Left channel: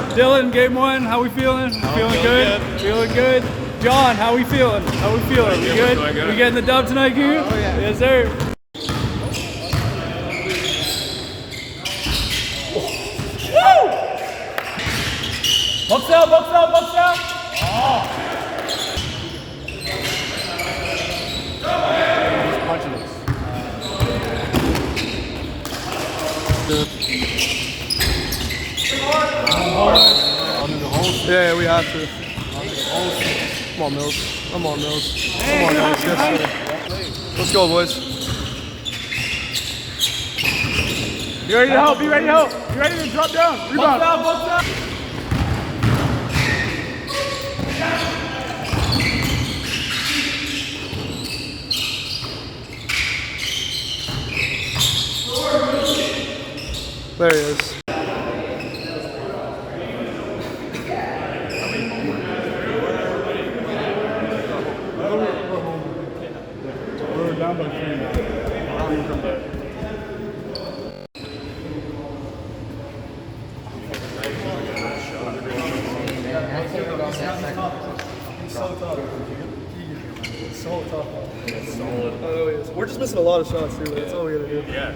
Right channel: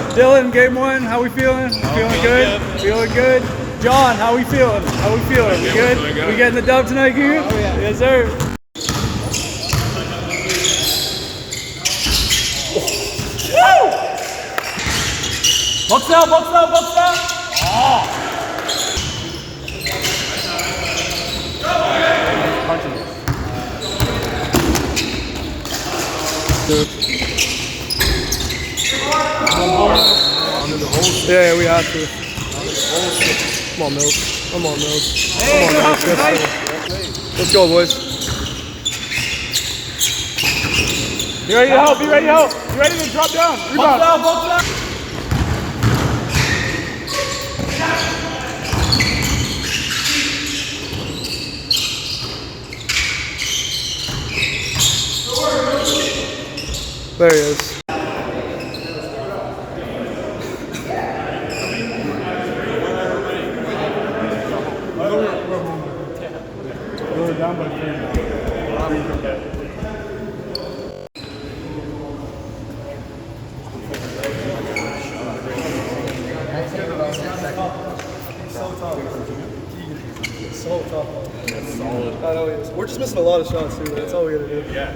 Dylan, game one, how we feeling? Feeling good? Feeling good? John, how we feeling? How we feeling? We good? We getting the dub tonight, Goo? Oh yeah. Yes, sir. Woo! Box out, box out, box out! Oh! Punching it. Under the hole. Yeah, we have to. Come on, Mills. Come on, Mills. Come on, guys. Yes, let's go, boys. Be ready to help. Be ready to help. Be ready to drop down. Rebound. Box out, box out. There he is. So tough. So tough. It's solid. I know he is. We're just missing a lot of shots too. That's all we gotta do. Yeah.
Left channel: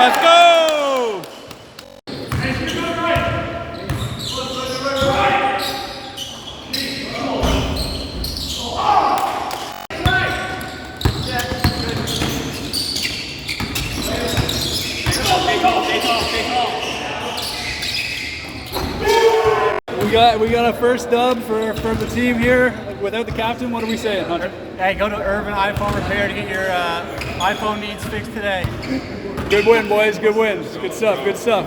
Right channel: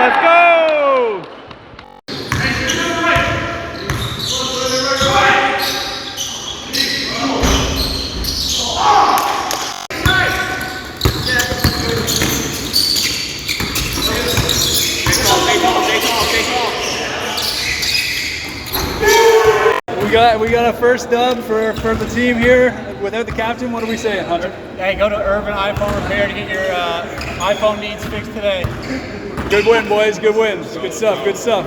Let's go! We got a first dub for the team here without the captain. What are we saying, Hunter? Hey, go to Irvine iPhone Repair to get your iPhone needs fixed today. Good win, boys. Good win. Good stuff. Good stuff.